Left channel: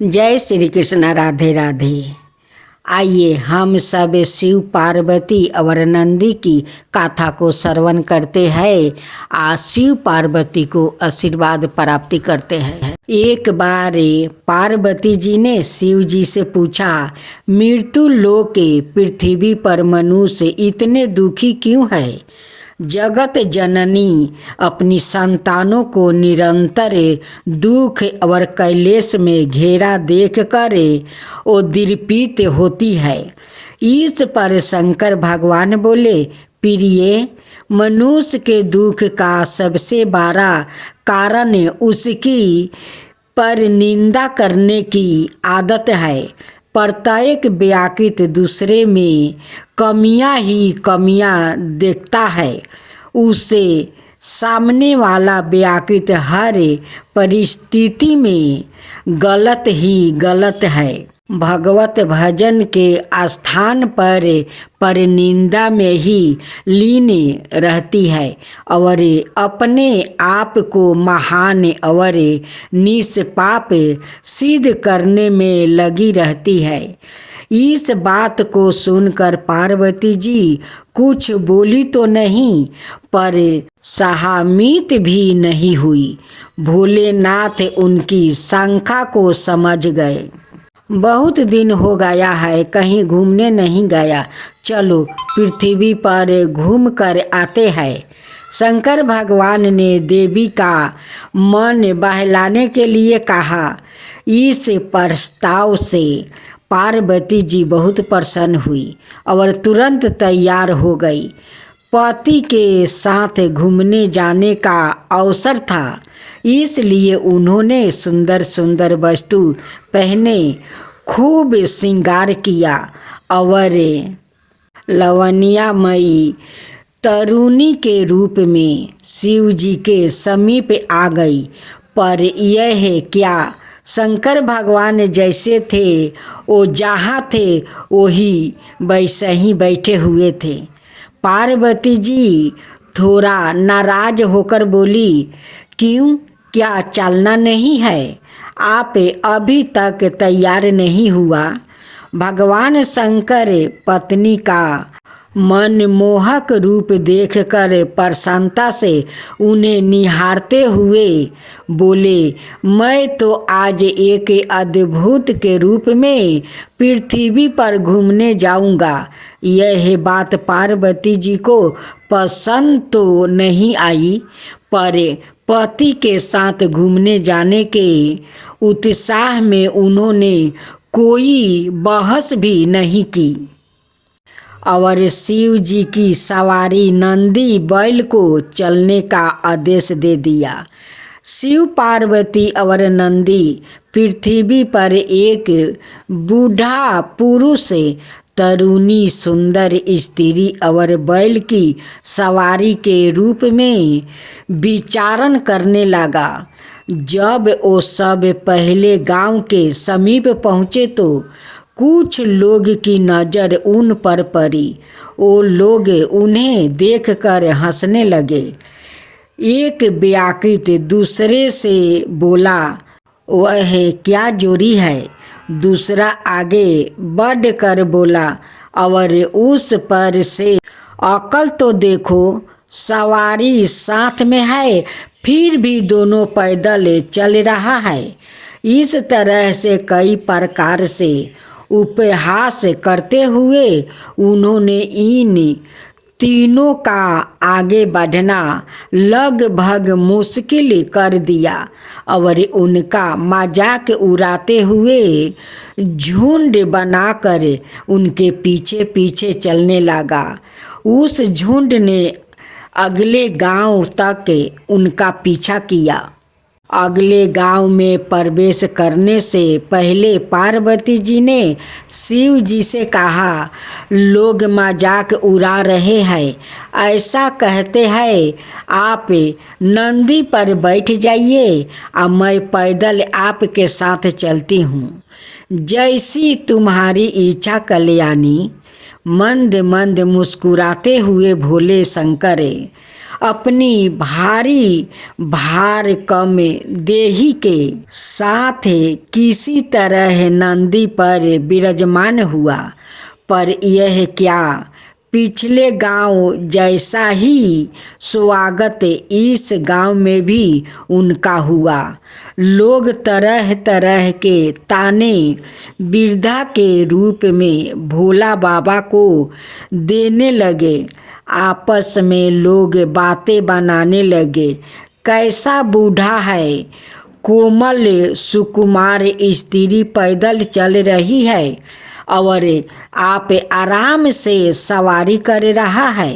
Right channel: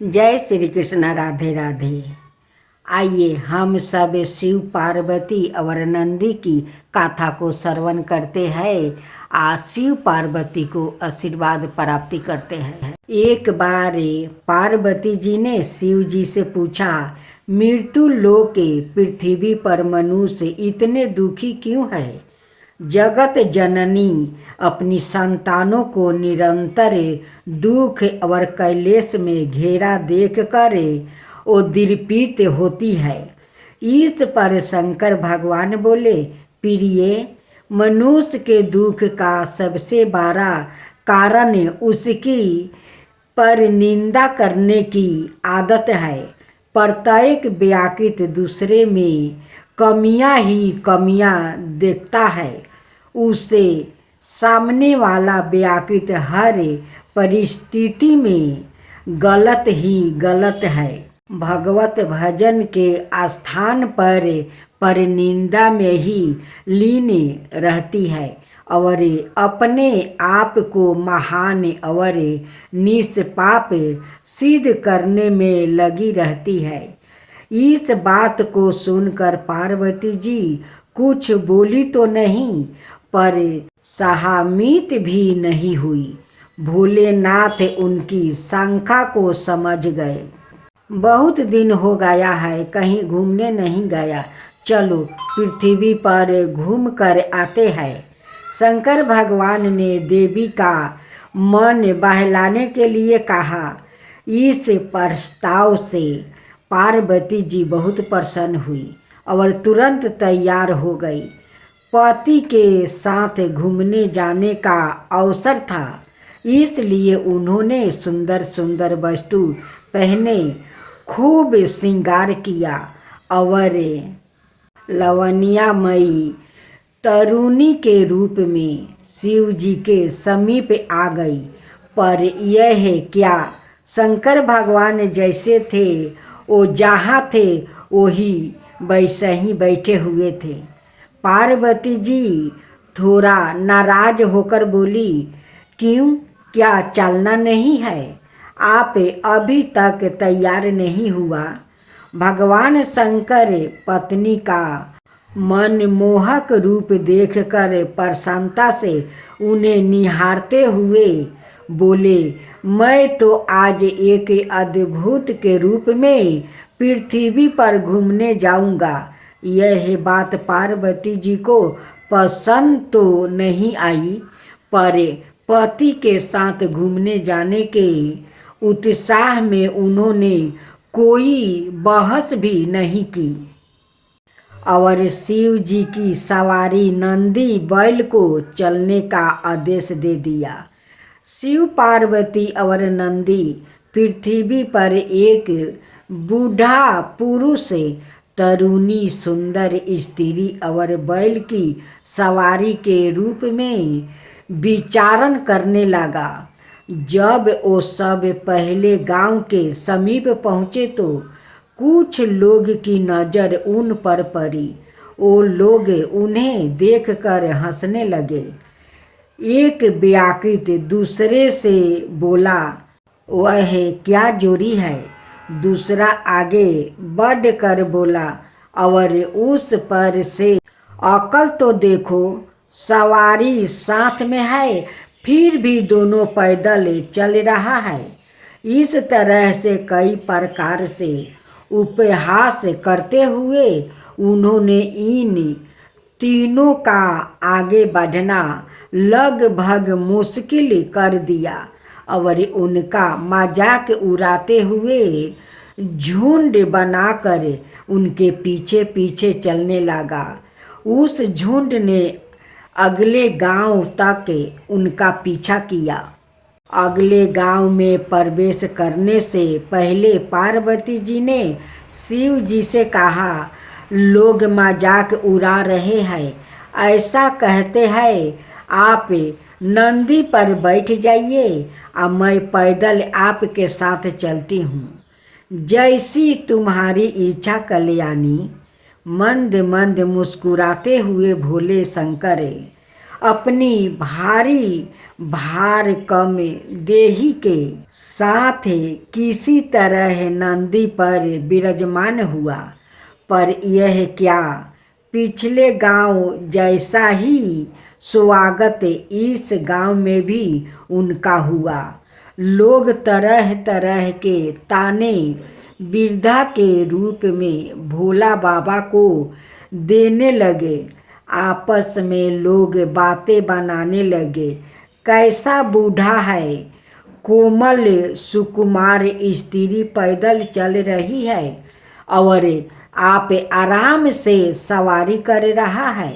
जय श्री कृष्ण। राधे राधे। आइए हम सब शिव पार्वती और नंदी की कथा को श्रवण करते हैं। आज शिव पार्वती को आशीर्वाद प्राप्ति करते हैं। एक बार पार्वती जी ने शिव जी से पूछा, मृत्यु लोक के पृथ्वी पर मनुष्य इतने दुखी क्यों है? जगत जननी अपनी संतानों को निरंतर दुख और क्लेश में घेरा देख कर वो दिलपीत होती है। इस पर शंकर भगवान बोले, प्रिय, मनुष्य के दुख का सबसे बड़ा कारण उसकी पर निंदा करने की आदत है। प्रत्येक व्यक्ति दूसरे में कमियां ही कमियां देखता है। उसे सामने वाला व्यक्ति हर परिस्थिति में गलत ही गलत है। भगवत भजन के स्थान पर निंदा में ही लीन रहती है और अपने आप को महान और निष्पाप सिद्ध करने में लगी रहती है। इस बात को सुनकर पार्वती जी कुछ बोली तो नहीं, पर सहमित भी नहीं हुई। भोलेनाथ उनकी शंका को समझ गए। बहुत दिन हो गया है, कहीं घूमने नहीं गया, चलो पृथ्वी पर घूम कर आते हैं। शंकर भगवान ने देवी का मन बहलाने के लिए कहा। इस प्रस्ताव से पार्वती जी बहुत प्रसन्न हुई और तुरंत तैयार हो गई। पति के साथ घूमने जाने का अवसर था, इसलिए उन्होंने सुंदर सुंदर वस्तु पहने, खूब श्रृंगार किया और लवणीयमयी तरुणी के रूप में शिव जी के समीप आ गई। पर यह क्या, शंकर भगवान जैसे थे वो जहाँ थे वही वैसे ही बैठे हुए थे। पार्वती जी थोड़ा नाराज होकर बोली, क्यों, क्या चलना नहीं है? आप अभी तक तैयार नहीं हुआ? भगवान शंकर पत्नी का मनमोहक रूप देखकर प्रसन्नता से उन्हें निहारते हुए बोले, मैं तो आज एक अद्भुत के रूप में पृथ्वी पर घूमने जाऊंगा। यह बात पार्वती जी को पसंद तो नहीं आई, पर पति के साथ घूमने जाने के उत्साह में उन्होंने कोई बहस भी नहीं की और शिव जी की सवारी नंदी बैल को चलने का आदेश दे दिया। शिव पार्वती और नंदी पृथ्वी पर एक बूढ़ा पुरुष, तरुणी सुंदर स्त्री और बैल की सवारी के रूप में विचरण करने लगा। जब वो सब पहले गांव के समीप पहुँचे तो कुछ लोग की नज़र उन पर पड़ी। वो लोग उन्हें देखकर हंसने लगे। एक व्यक्ति दूसरे से बोला, वह क्या जोड़ी है? दूसरा आगे बढ़ कर बोला, और उस पर से अकल तो देखो, सवारी साथ में है फिर भी दोनों पैदल चल रहा है। इस तरह से कई प्रकार से उपहास करते हुए उन्होंने इन तीनों का आगे बढ़ना लगभग मुश्किल कर दिया और उनका मजाक उड़ाते हुए झुंड बनाकर उनके पीछे पीछे चलने लगा। उस झुंड ने अगले गांव तक उनका पीछा किया। अगले गांव में प्रवेश करने से पहले पार्वती जी ने शिव जी से कहा, लोग मजाक उड़ा रहे हैं, ऐसा कहते हैं आप नंदी पर बैठ जाइए और मैं पैदल आपके साथ चलती हूँ। जैसी तुम्हारी इच्छा कल्याणी। मंद मंद मुस्कुराते हुए भोले शंकर अपनी भारी भार कम देही के साथ किसी तरह नंदी पर विराजमान हुआ। पर यह क्या, पिछले गांव जैसा ही स्वागत इस गांव में भी उनका हुआ। लोग तरह तरह के ताने वृद्धा के रूप में भोला बाबा को देने लगे। आपस में लोग बातें बनाने लगे, कैसा बूढ़ा है, कोमल सुकुमार स्त्री पैदल चल रही है और आप आराम से सवारी कर रहा है।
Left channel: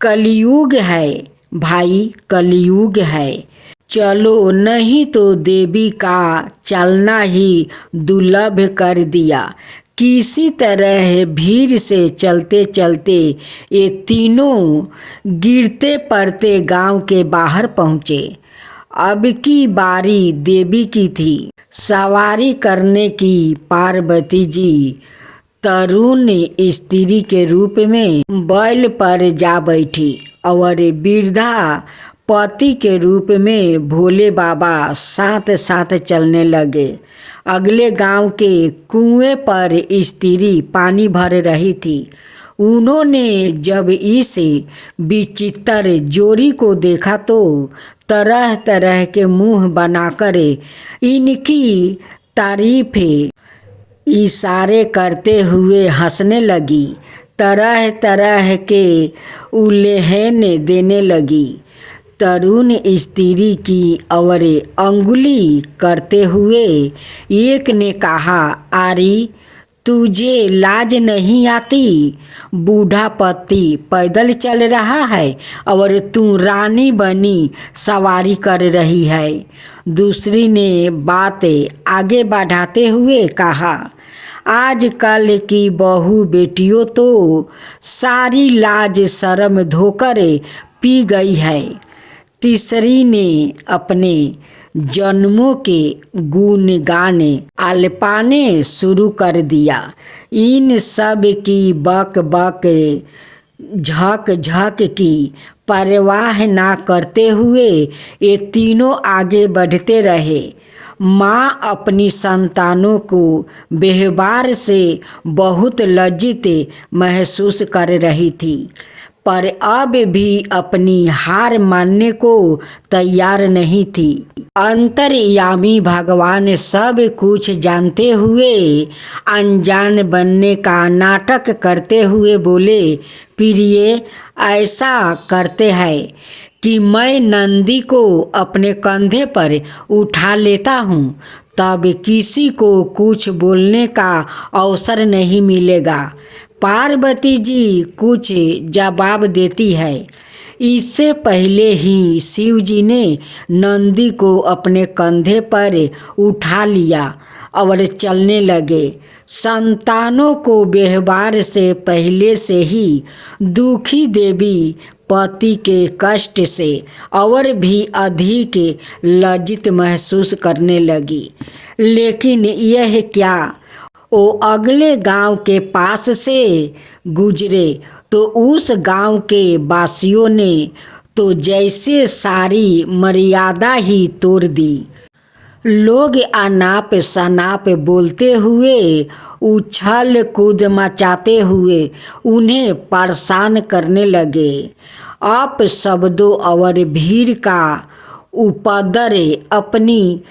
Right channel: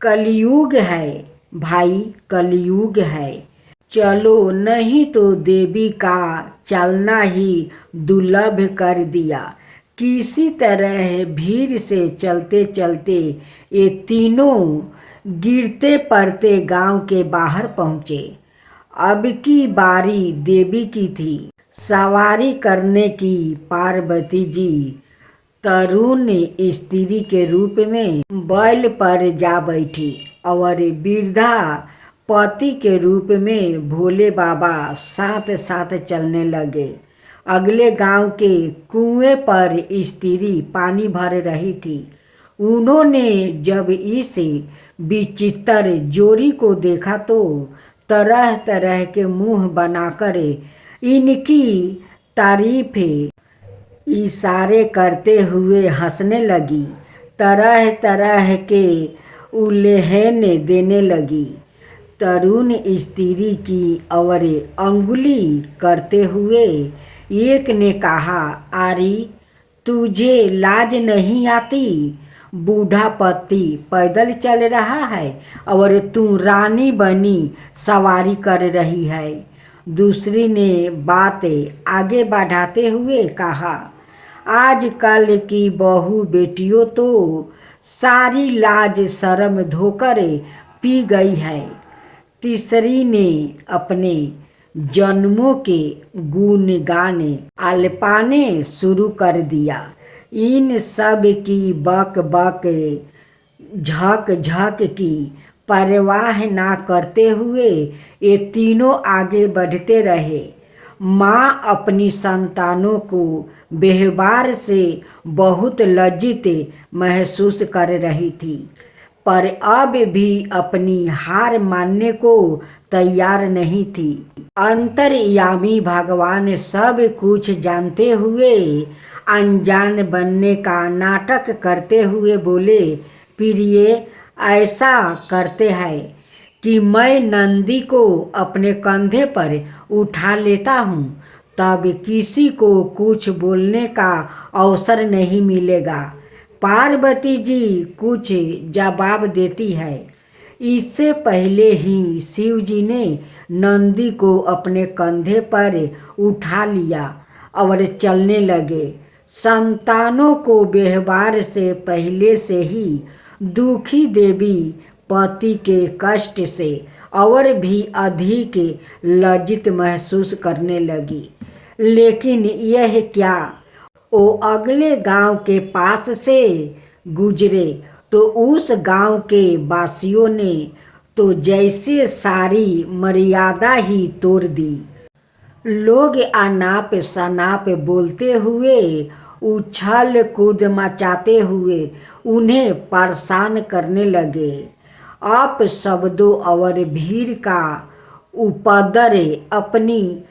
कलयुग है भाई, कलयुग है। चलो, नहीं तो देवी का चलना ही दुर्लभ कर दिया। किसी तरह भीड़ से चलते चलते ये तीनों गिरते पड़ते गांव के बाहर पहुँचे। अब की बारी देवी की थी सवारी करने की। पार्वती जी तरुण स्त्री के रूप में बैल पर जा बैठी और वृद्धा पति के रूप में भोले बाबा साथ साथ चलने लगे। अगले गांव के कुएं पर स्त्री पानी भर रही थी। उन्होंने जब इस विचित्र जोड़ी को देखा तो तरह तरह के मुंह बनाकर इनकी तारीफ इशारे करते हुए हंसने लगी, तरह तरह के उल्लेहन देने लगी। तरुण स्त्री की और अंगुली करते हुए एक ने कहा, आरी, तुझे लाज नहीं आती? बूढ़ा पति पैदल चल रहा है और तू रानी बनी सवारी कर रही है। दूसरी ने बात आगे बढ़ाते हुए कहा, आजकल की बहू बेटियों तो सारी लाज शर्म धोकर पी गई है। तीसरी ने अपने जन्मों के गुण गाने आलपाने शुरू कर दिया। इन सब की बक बक झक झक की परवाह ना करते हुए ये तीनों आगे बढ़ते रहे। माँ अपनी संतानों को व्यवहार से बहुत लज्जित महसूस कर रही थी, पर अब भी अपनी हार मानने को तैयार नहीं थी। अंतर्यामी भगवान सब कुछ जानते हुए अनजान बनने का नाटक करते हुए बोले, प्रिय, ऐसा करते हैं कि मैं नंदी को अपने कंधे पर उठा लेता हूँ, तब किसी को कुछ बोलने का अवसर नहीं मिलेगा। पार्वती जी कुछ जवाब देती है। इससे पहले ही शिव जी ने नंदी को अपने कंधे पर उठा लिया और चलने लगे। संतानों को व्यवहार से पहले से ही दुखी देवी पति के कष्ट से और भी अधिक लज्जित महसूस करने लगी। लेकिन यह क्या, वो अगले गांव के पास से गुजरे तो उस गांव के वासियों ने तो जैसे सारी मर्यादा ही तोड़ दी। लोग अनाप शनाप बोलते हुए, उछल कूद मचाते हुए उन्हें परेशान करने लगे। आप शब्दों और भीड़ का उपद्रव अपनी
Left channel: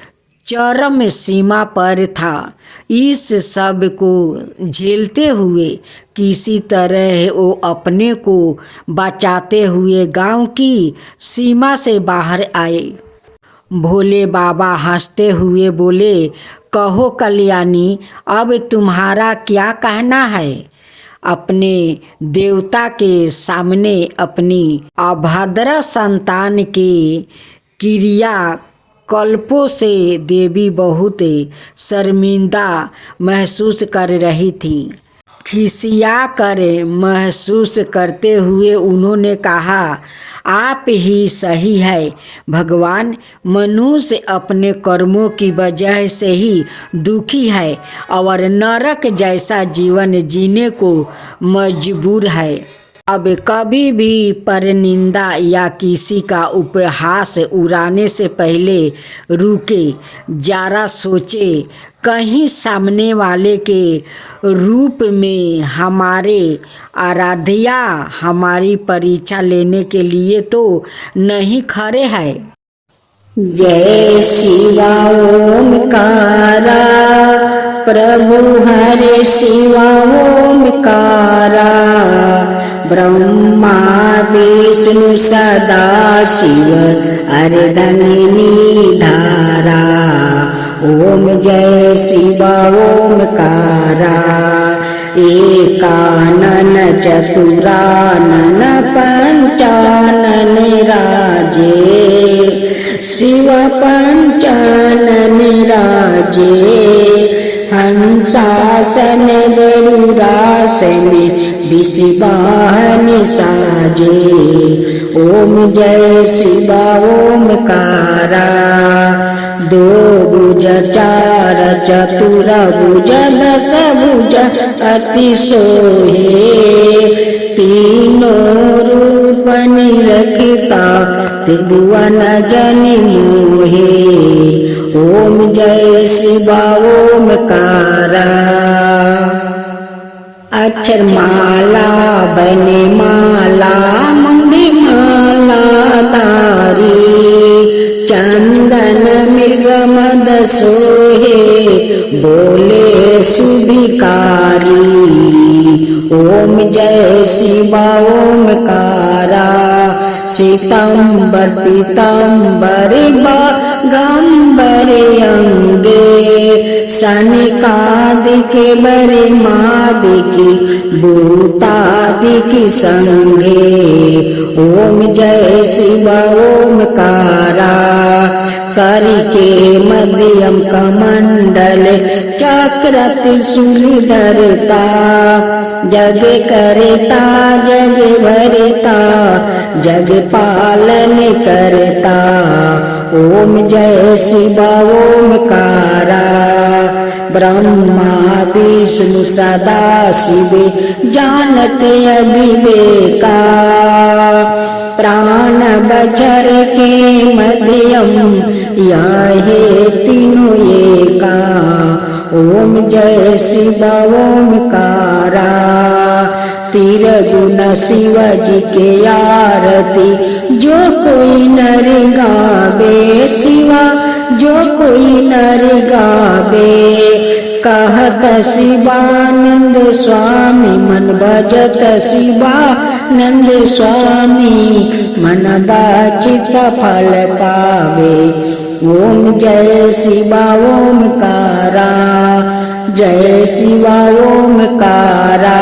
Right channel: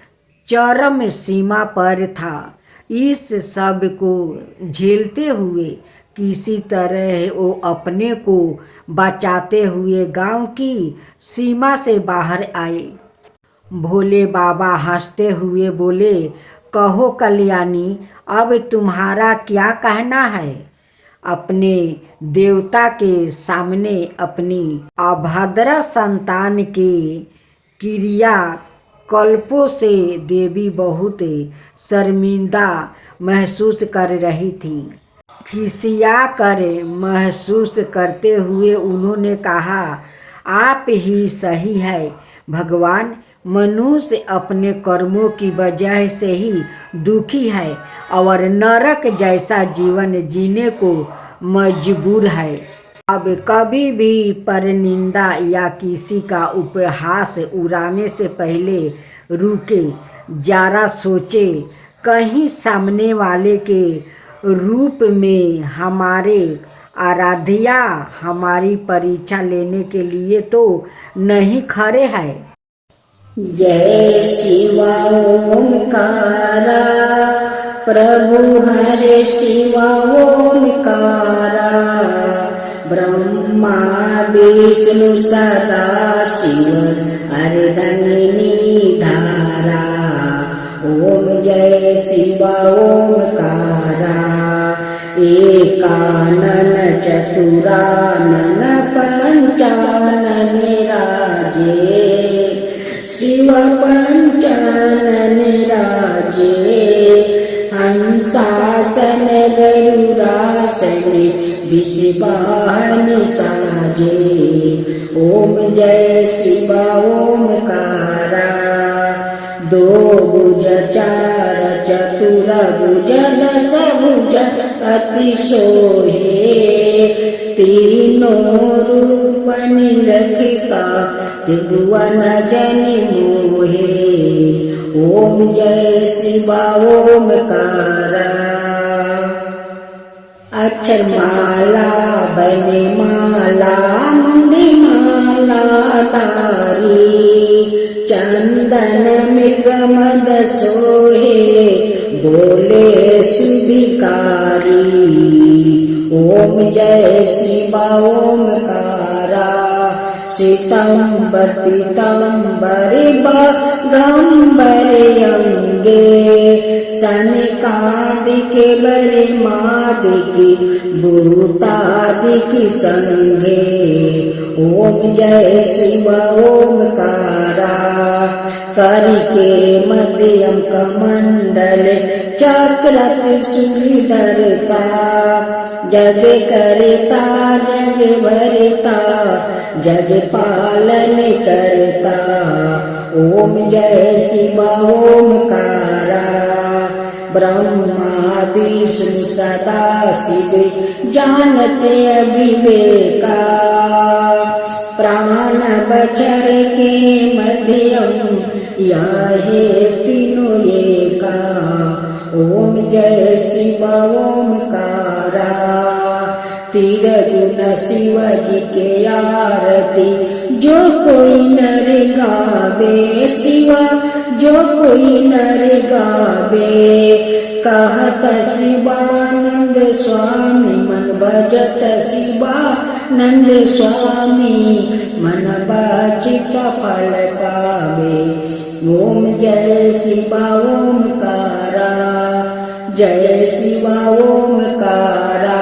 चरम सीमा पर था। इस सब को झेलते हुए किसी तरह वो अपने को बचाते हुए गांव की सीमा से बाहर आए। भोले बाबा हंसते हुए बोले, कहो कल्याणी, अब तुम्हारा क्या कहना है? अपने देवता के सामने अपनी अभद्र संतान के क्रिया कल्पों से देवी बहुत शर्मिंदा महसूस कर रही थी। खिसिया कर महसूस करते हुए उन्होंने कहा, आप ही सही है भगवान। मनुष्य अपने कर्मों की वजह से ही दुखी है और नरक जैसा जीवन जीने को मजबूर है। अब कभी भी परनिंदा या किसी का उपहास उड़ाने से पहले रुके, जरा सोचे, कहीं सामने वाले के रूप में हमारे आराध्या हमारी परीक्षा लेने के लिए तो नहीं खड़े हैं। जय शिवा ओमकारा, प्रभु हरे शिवा ओमकारा, ब्रह्मा विष्णु सदा शिव अर्धंगिनी धारा। ओम जय शिवा ओमकारा, एकानन चतुरानन पंचानन राजे, शिव पंचानन राजे। हंसासन गरुड़ासन विषवाहन साजे। ओम जय शिवा ओमकारा, दो भुज चार चतुर भुज दस भुज अति सोहे, तीनों रूप निरखता त्रिभुवन जन मोहे। ओम जय शिवा ओमकारा, अक्षर माला बने माला मुंडी माला तारी, चंदन मृग मद सोहे बोले सुभिकारी। ओम जय शिवा ओमकारा, श्वेतांबर पीतांबर गंबर अंगे, सनकादिक बरे मादिकी भूतादिकी संगे। ओम जय शिवा ओमकारा, करके मध्यम कमंडल चक्र त्रिशूल धरता, जग करता जग भरता जग पालन करता। ओम जय शिवा ओमकारा, ब्रह्मा विष्णु सदा शिव जानते अविवेका, प्राण बचर के मध्यम याहे तीनों एका। ओम जय शिवा ओमकारा, तिरगुण शिवजी के आरती जो कोई नर गावे, शिवा जो कोई नर गावे। कहत शिवानंद स्वामी मन भजत शिवानंद स्वामी, मन वांछित फल पावे। ओम जय शिवा ओमकारा, जय शिवा ओमकारा।